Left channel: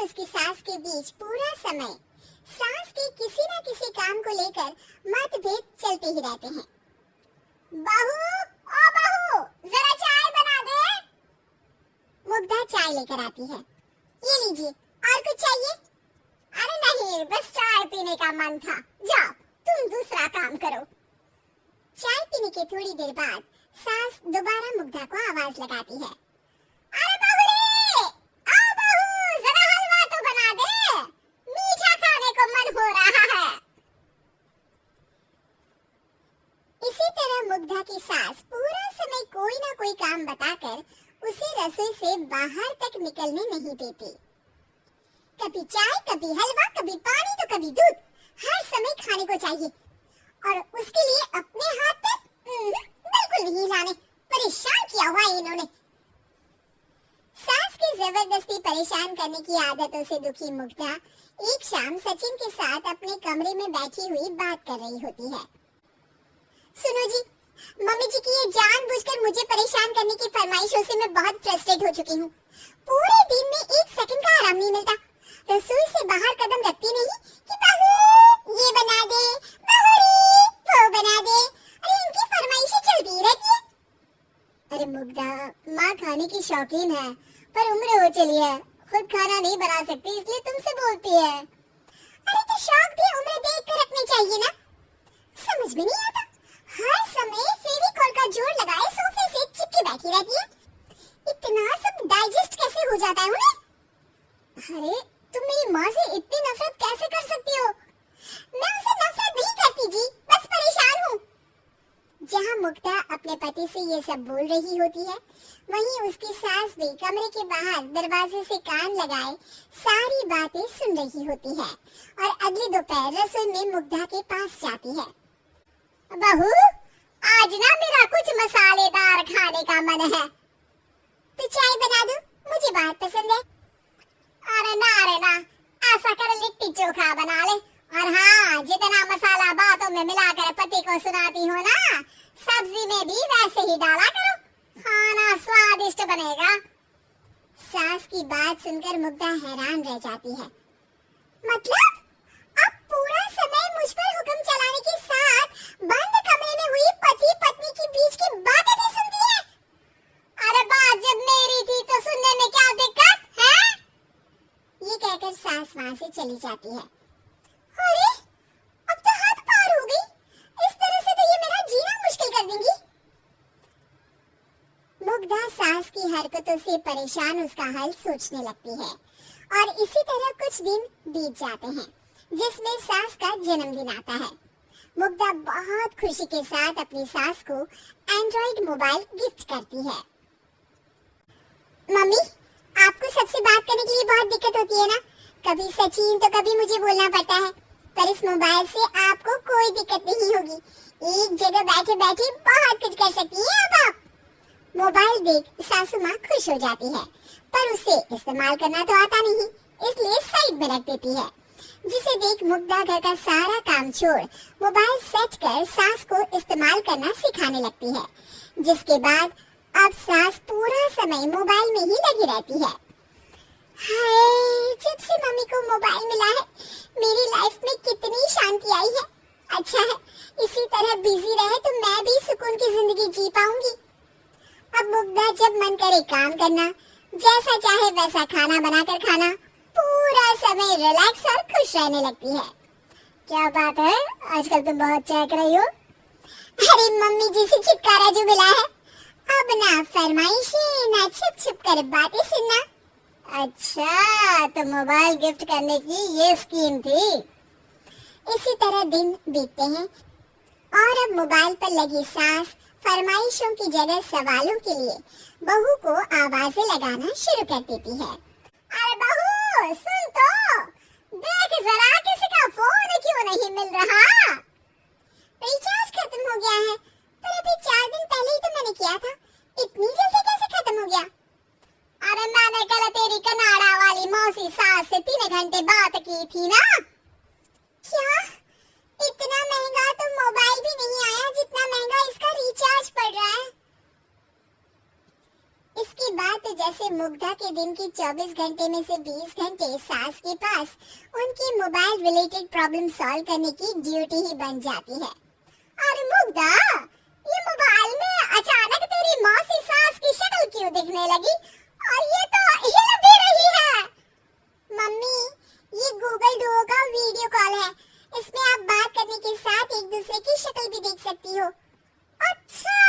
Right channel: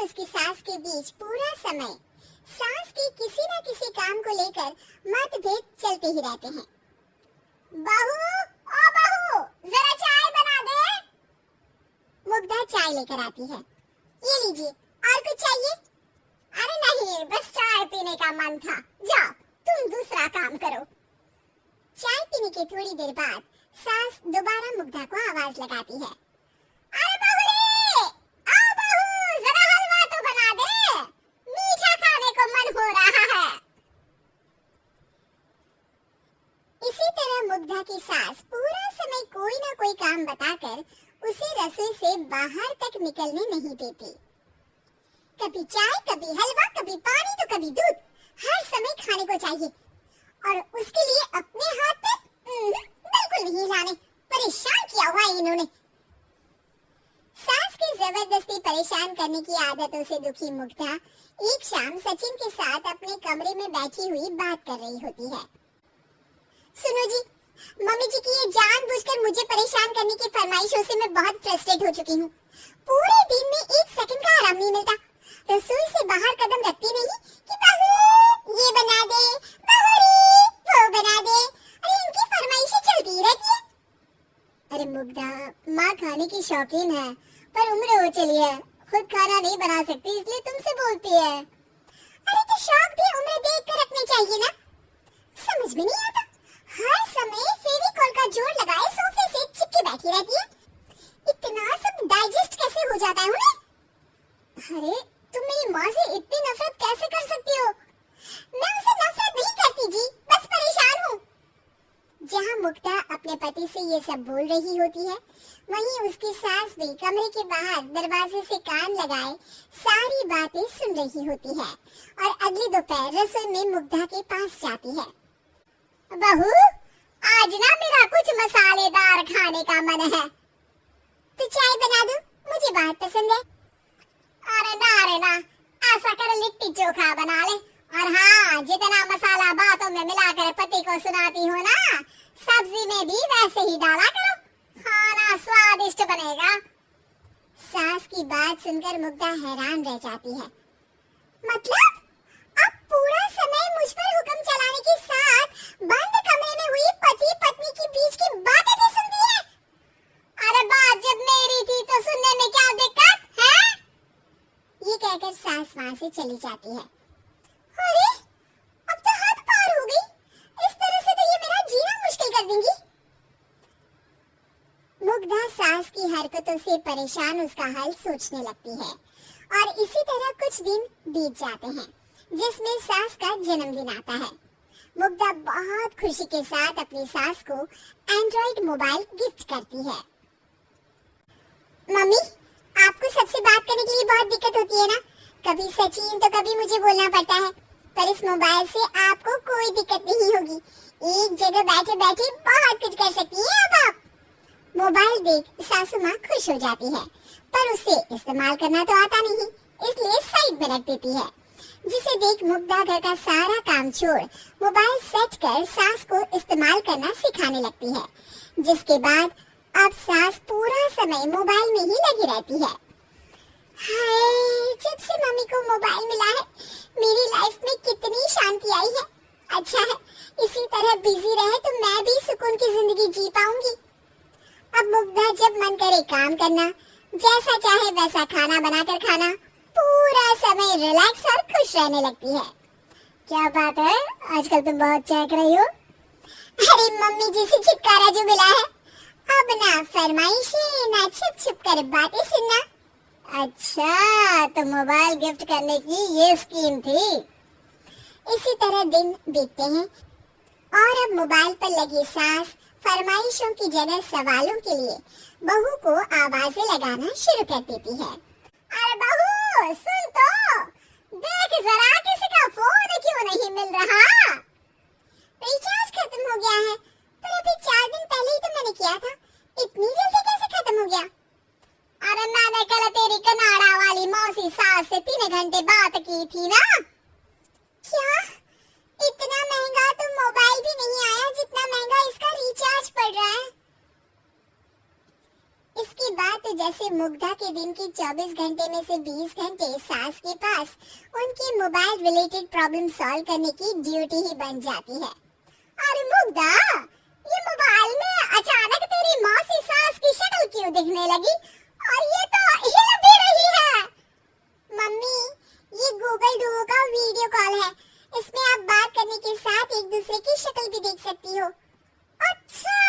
और उसकी सास के बीच पूरा समय सास के किसी न किसी काम को लेकर मतभेद चलते ही रहते हैं। बहू, ओ बहू, जरा चाय बना दे। मुग्धा चाय लेकर आती है। ये लीजिए, और कुछ चाहिए? अरे नहीं, बस चाय पीने का मन था। जाओ, तुम दूसरा काम करो। चाय पीने की थोड़ी देर बाद सास दोबारा मुग्धा को आवाज लगाती है। अरे बहू रे, आओ बहू, जरा हलवा तो बना दे, मीठा खाने को मन हो रहा है। इसी तरह मुग्धा की सास पूरा समय कोई ना कोई काम बताकर उसे रसोई से बाहर तक निकलने नहीं देती। कभी चाय, कभी हलवा, कभी पानी तो कभी दूध, हर समय खाने को चाहिए और उसके लिए अपने हाथ तक बिल्कुल नहीं हिलाने। परेशान किया हुआ इन्होंने। सास की जबरदस्ती परेशान करने की आदतों से दुखी मुग्धा एक शाम सचिन के साथ अपने कमरे में बैठी हुई बात कर रही होती है। सुनो जी, मम्मी जी की ये जानबूझकर मुझे परेशान करने की फरमाइशों से मैं बहुत फ्रस्ट्रेट हो चुकी हूँ। पूरे दिन में एक सेकंड का आराम नहीं मिलता। रसोई से बाहर कदम रखती नहीं कि बहू ये बना दे, बहू रे वो बना दे। अरे इनकी फरमाइशें चलती ही रहती है। अरे मुग्धा, माँ खाने की शौकीन है पर उम्र हो चली है, खुद खाना नहीं बना सकती इसलिए तुमसे बोलती है। अरे तो शौक भी उम्र देख कर रखने चाहिए ना। समझ में नहीं आता, हर समय फेविकॉल का जोर लगाए सोफे से चिपके बैठी रहती है। इतना सब डाइजेस्ट कैसे हो जाता है उन्हें? अरे तुम मेरी माँ से इतनी नफरत कैसे कर सकती हो? मैं उसे नफरत नहीं करती जी, बस परेशान हूँ। जहाँ मुग्धा अपने पति से ये सब बोल रही होती है, वहीं उसकी सास भी कमरे के बाहर दरवाजे से कान लगाए सारी बातें सुन रही होती है और अगली दोपहर रसोई में मुग्धा के पास जाती है। बहू, आज ना मेरा कुछ मसालेदार खाने का मन है, तो चाय बना दो, मुझे बहुत पसंद है। अरे ना, ऐसा कर लिट्टी चोखा बना ले। और हाँ, जितना मसाला बातों में मिलाकर पति को सुनाती हो ना, सब्जी में भी वैसे ही डाला करो, खाना स्वादिष्ट बनेगा। सास की बात सुनकर मुग्धा हैरान रह जाती है। मतलब अब पूरा समय मुझ पर हुक्म चलाने के साथ बंद कमरे में हुई पति पत्नी के बीच की बातें भी सुनती है। अरे बात जब मेरी थी तो सुनने में क्या दिक्कत है? ये कहकर सास वहां से चली जाती है। अरे अब तो हद पार हो गई, इस तरह से तो ये मेरा जीना मुश्किल कर देंगी। मुग्धा सास की हरकतों से परेशान उसका हल सोचने लगती है और इसी तरह कुछ दिन बीत जाते हैं जिसमें सास का जन्मदिन आता है। मुग्धा बहुत खुशी के साथ अपनी सास को एंड्रॉइड मोबाइल गिफ्ट करती है। मम्मी, आपको सबसे बात करने के लिए बहुत दिक्कत होती है ना, कभी सचिन तो कभी मुझे बोलना पड़ता है, पर इस मोबाइल से आपको कोई दिक्कत नहीं होगी। एक जगह बैठे बैठे बहुत कुछ कर सकती हैं अब आप। मोबाइल देख सासू माँ खुश हो जाती है, पर उसे इस्तेमाल करना तो आता नहीं, इसलिए साइड में रख देती है। जिसे देख मुग्धा घर का सारा काम छोड़ मोबाइल सेट कर सास को इस्तेमाल करना सिखाने लगती है, जिसके बाद अब सास पूरा समय मोबाइल में ही लगी रहती है। हाय, जब से मम्मी को मोबाइल मिला है मेरी लाइफ में कितनी शांति आई है। अच्छा है, इसी तरह बिजी रहे तो मैं भी सुकून की जिंदगी जी पाऊंगी। अब मुग्धा जब मन करे काम करना, जैसा चाहे वैसा खाना बनाकर खाना, पूरा समय रिलैक्स और खुश रहने लगती है। क्या बात है, आजकल तुम बहुत चहक रही हो। अरे मम्मी जी से छुटकारा जो मिला है, अब ना फरमाइशें ना छुप छुप कर बातें सुनना। अच्छा, तो मोबाइल गिफ्ट करने की ये स्कीम थी। इसी तरह दिन बीतते हैं और अब मोबाइल पर लगी सास फरमाइशों की जगह सवालों के लिए बहू को आवाजें लगाना शुरू कर देती है। अरे बहू, सुन तो, देख जरा किसी का फोन क्यों नहीं मिल रहा? रिचार्ज खत्म हो गया है, पर अभी 4 दिन पहले ही तो मैंने किया था, इतनी जल्दी कैसे खत्म हो गया? अरे मैंने कल तेरी कनाडा वाली मौसी सास से 3 घंटे बात की थी ना। क्या? इतना महंगा तो मोबाइल भी नहीं आया जितना महंगा इसका रिचार्ज पड़ रहा है। इसके बाद तो जैसे मुग्धा के दिन की 24 घंटे में से 20 घंटे सास के पास उनकी मोबाइल रिलेटेड प्रॉब्लम सॉल्व करने की ड्यूटी ही बन जाती है। अरे मुग्धा, ये मोबाइल में अचानक तेरी मौसी सास की शक्ल क्यों दिखने लगी? और ये तो हिल भी रही है। मम्मी, ये गूगल डुओ का वीडियो कॉल है, इसमें आप बात करने के साथ एक दूसरे की शक्ल भी देख सकती हो। अच्छा,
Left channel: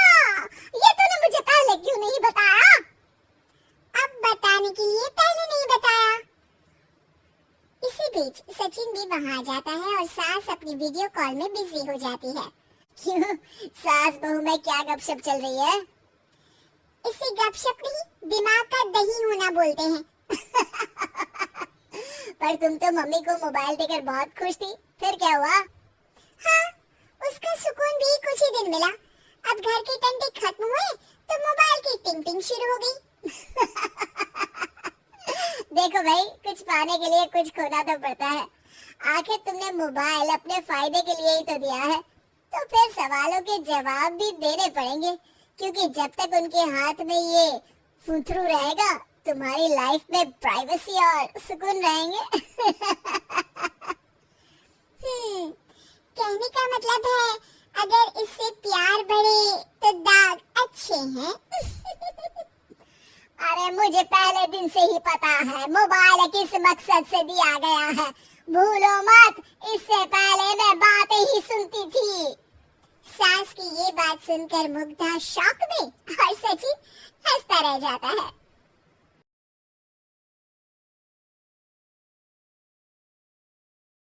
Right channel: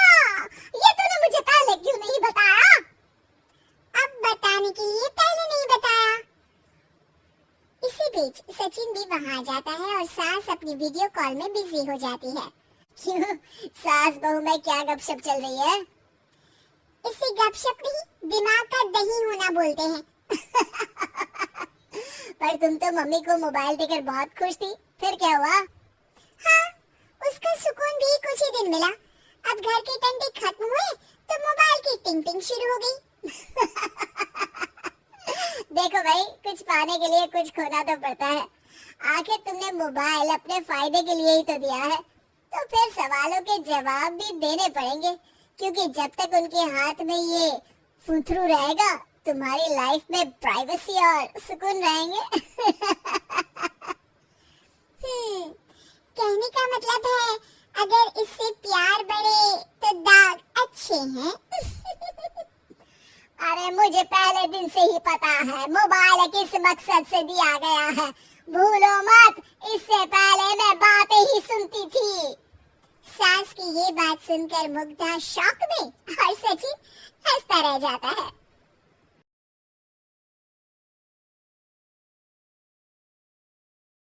ये तूने मुझे पहले क्यों नहीं बताया? अब बताने के लिए पहले नहीं बताया। इसी बीच सचिन भी वहां आ जाता है और सास अपनी वीडियो कॉल में बिजी हो जाती है। क्यों, सास बहू में क्या गपशप चल रही है? इसे गपशप नहीं, दिमाग का दही होना बोलते हैं। पर तुम तो मम्मी को मोबाइल देकर बहुत खुश थी, फिर क्या हुआ? हाँ, उसका सुकून भी कुछ ही दिन मिला। अब घर के टंटे खत्म हुए तो मोबाइल की टिंग टिंग शुरू हो गई। देखो भाई, कुछ पाने के लिए कुछ खोना तो पड़ता है। आखिर तुमने मोबाइल अपने फायदे के लिए ही तो दिया है, तो फिर सवालों के जवाब भी देने पड़ेंगे, क्योंकि जब तक उनके हाथ में ये फुथरू रहेगा, तुम्हारी लाइफ में प्राइवेसी और सुकून रहेंगे। कहने का मतलब है, अगर इससे प्यार बढ़े तो दाग अच्छे हैं। अरे मुझे पहले दिन से ही पता है मोबाइल किस मकसद से दिया गया है। भूलो मत, इससे पहले मैं बातें ही सुनती थी। सास की ये बात सुनकर मुग्धा शॉक में और सचिन हंसता रह जाता है।